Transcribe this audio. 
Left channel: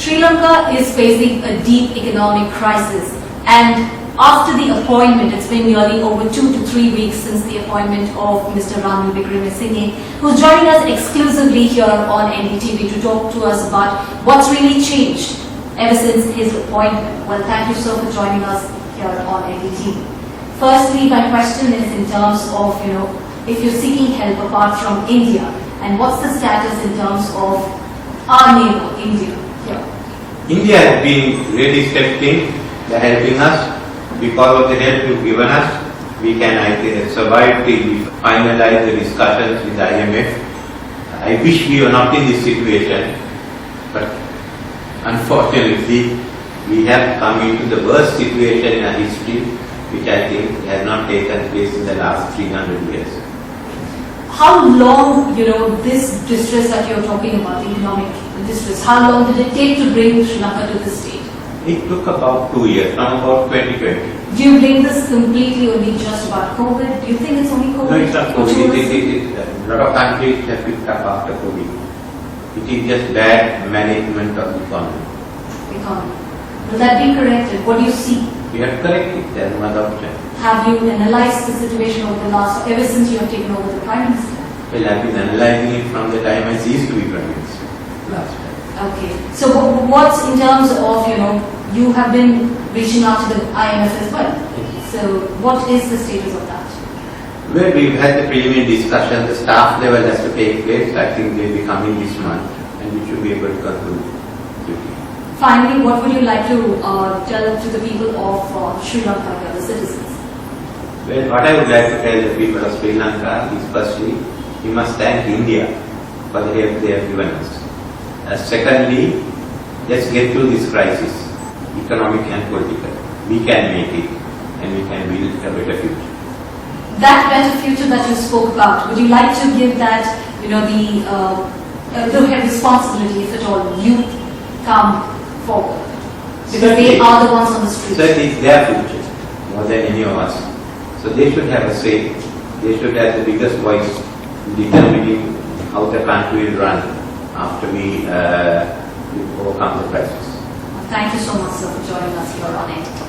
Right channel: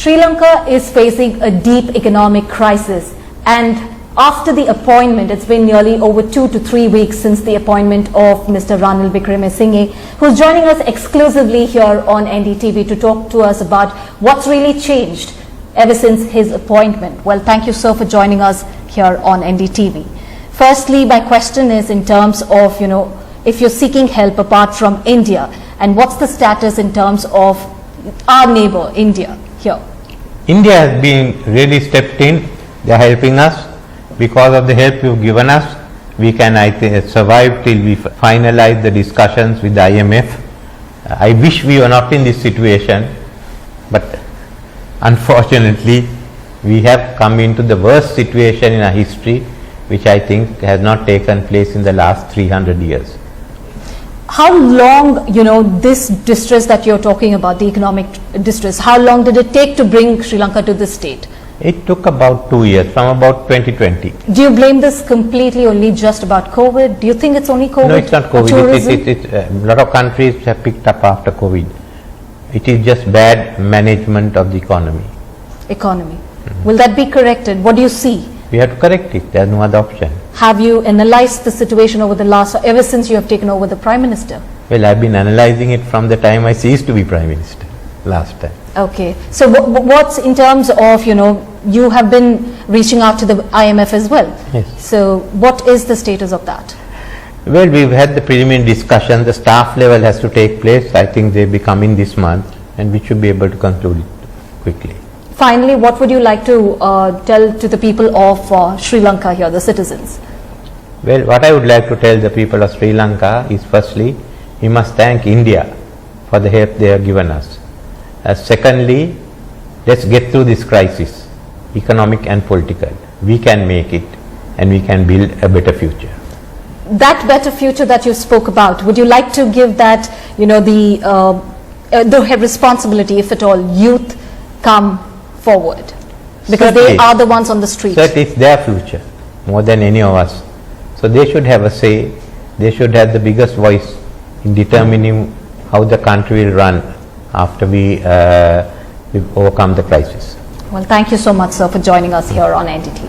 Sri Lanka is facing a deep economic crisis, and after the appointment, it's been nearly over 2 to 3 weeks since the appointment of Mr. Ranil Wickremesinghe, who's joining us exclusively here on NDTV to talk to us about what's really changed ever since his appointment. Well, thank you, sir, for joining us here on NDTV. Firstly, my question is in terms of, if you're seeking help apart from India, and what's the status in terms of our neighbor, India, here? India has been really stepped in. They are helping us. Because of the help you've given us, we can, I think, survive till we finalize the discussions with the IMF. I wish we were not in this situation, but unfortunately, we have come into the worst situation in our history, which I think has not taken place in the last 300 years. How long, this distress that you're talking about, the economic distress, how long did it take to bring Sri Lanka to this state? It took about 2 years, from about 2020. Do you blame this completely only just about COVID? Do you think it's only COVID? No, it's not COVID. A lot of countries have picked up after COVID. It is just bad management of the economy. Will that be corrected? What do you see? We have to correct it. There is no other option. Have you analyzed the situation ever since you have taken over the Prime Minister? Well, I've been analyzing it from the time I ceased to be Prime Minister last time. Okay. So what's in terms of, you have been reaching out to the IMF as well. Yes. So what is the status of that? Well, we've had the preliminary discussion. The staff level has to take place. I think they'll be coming this month, and we should be able to conclude quickly. Finally, what would you like to tell to the people of Sri Lanka here, the citizens? Well, what I would like to tell the people of Sri Lanka is, firstly, we must thank India for the help they have given us. Secondly, let's get through this crisis, economic and political. We can make it, and we can build a better future. That better future that you spoke about, would you like to give that, the responsibility, if at all, youth come forward? Because Certainly, they are the ones on the street. Certainly, it's their future, more than any of us. So they should have a say. They should have the biggest voice in determining how the country will run after we overcome the crisis. Well, thank you so much, sir, for joining us here on NDTV.